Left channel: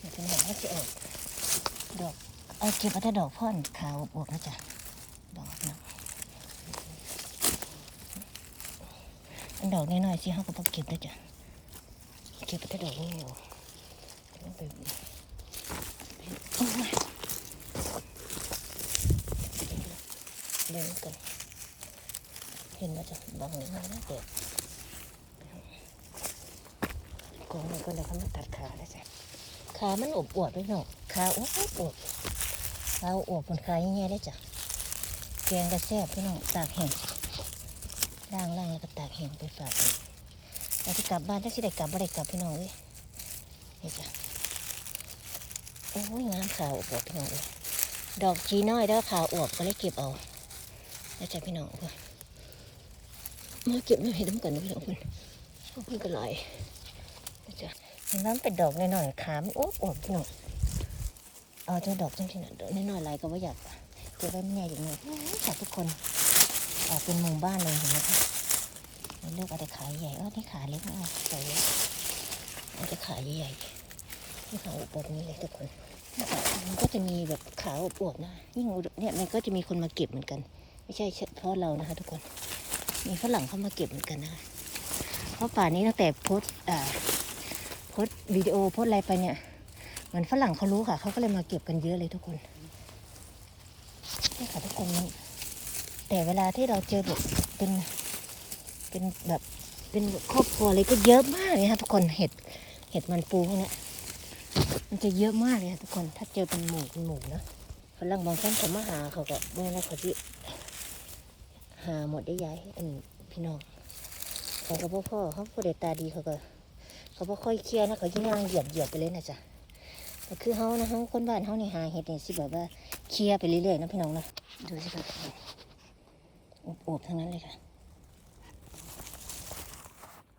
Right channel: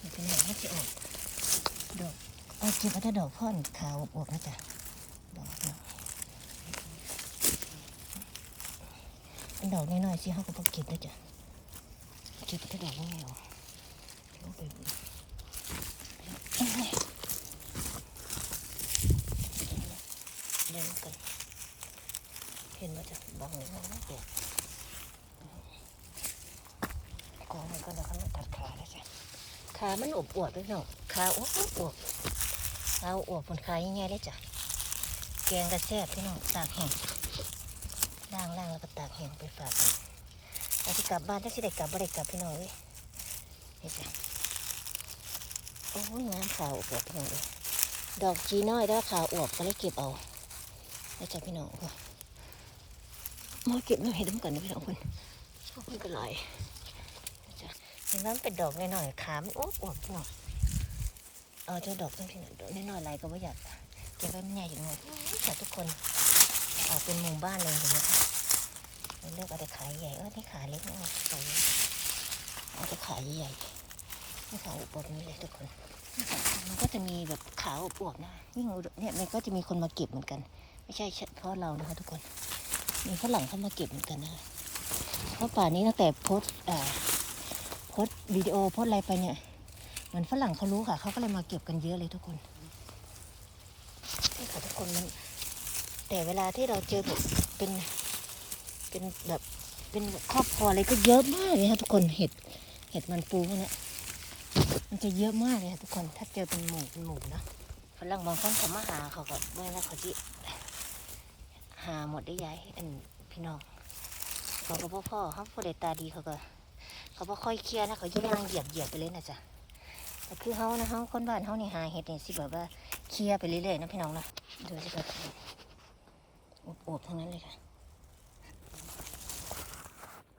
นี่เป็นดอกให้จะออกดอกเอาเก็บเอาแต่ดอกพ่อนขาวอวบนะจ๊ะดอกนะเป็นดอกน้อยๆสิเขาก็ต้องเก็บด้วยจ้ะเก็บเอาแต่ดอกนี่เอาไปเดี๋ยวก่อนเห็นไหมจ๊ะดอกนี้นะเด็ดกองมันก็เลยเขาไมาตัดขาแล้วจ้ะ ขามันอบอวดไปหน่อยขาอวบอวบขาอวบบนขายังไงเลยจ้ะแกงกระแซบพี่น้องตากแห้งล่างล่างแล้วก็ตากแห้งไปฝากเราจะกลับบ้านถ้าสิได้กลับบ่ได้กลับพี่น้องเลยนี่จ้ะโอ้ยงามขาวอวบพี่น้องเลยดอกจีน้อยแล้วขาอวบก็เลยเก็บเอาแล้วจ้ะพี่น้องมาเก็บมาให้ดูกันนะพี่น้องคุณขอบคุณกันหลาย เห็นว่ามันเป็นดอกน้อยๆขามอ้วบๆพี่น้องเอาเจ้าดอกจังๆดอกน้อยๆอะไรก็ว่าอยากเก็บไว้มันใหญ่อย่างเงี้ยค่ะทุกคนเป็นหมู่บ้านเลยเห็นไหมคะมันเลือกเอาแต่ขาใหญ่เออที่ขาเล็กไม่เอาใส่ไว้เอาแต่ขาใหญ่ที่ขาอวบนี้เลยทุกคนมันก็จะมีแบบขาอวบนะยิ่งเนี่ยมันก็จะมีคนมาเก็บเหมือนกัน ไม่ใช่เฉพาะเรานะคะ ทุกคนมีฝรั่งเข้ามาเก็บเหมือนกันนะเพราะป่านี้ตั้งแต่โพสต์อ่า สวิดีโอโพสอะไรไปเนี่ยเหมือนฝรั่งเขารู้ค่ะ เขาก็เลยมาเก็บกันเยอะเลยทุกคนนี่ค่ะทุกคนมันแต่เวลาที่เราเจอแบบเป็นเป็นแบบเป็นครอบครัวอะไรก็เยอะมากเลยค่ะทุกคนเห็ดเห็ดมันปูพวกเนี้ยมันจะเยอะมากเลยค่ะทุกคนถ้าเจอเป็นหมู่เป็นหมู่นะฝรั่งบางคนเขามาหาเขาก็เมื่อนั้นเขาที่หาหมดได้ยายอันพี่น้องเขาก็บ่พ่อเขาผู้เดตาดีเขาก็ เขาบ่ค่อยเคลียร์นะเขาย่างเหยียบเหยียบไปเลยนะจ๊ะแต่คือเขานะเขาคนบ้านเขานี่หาเห็ดนี่สิแบบว่าเคลียร์ไปเรื่อยๆนะพี่น้องนะดูสิครับอบๆทั้งนั้นเลยค่ะ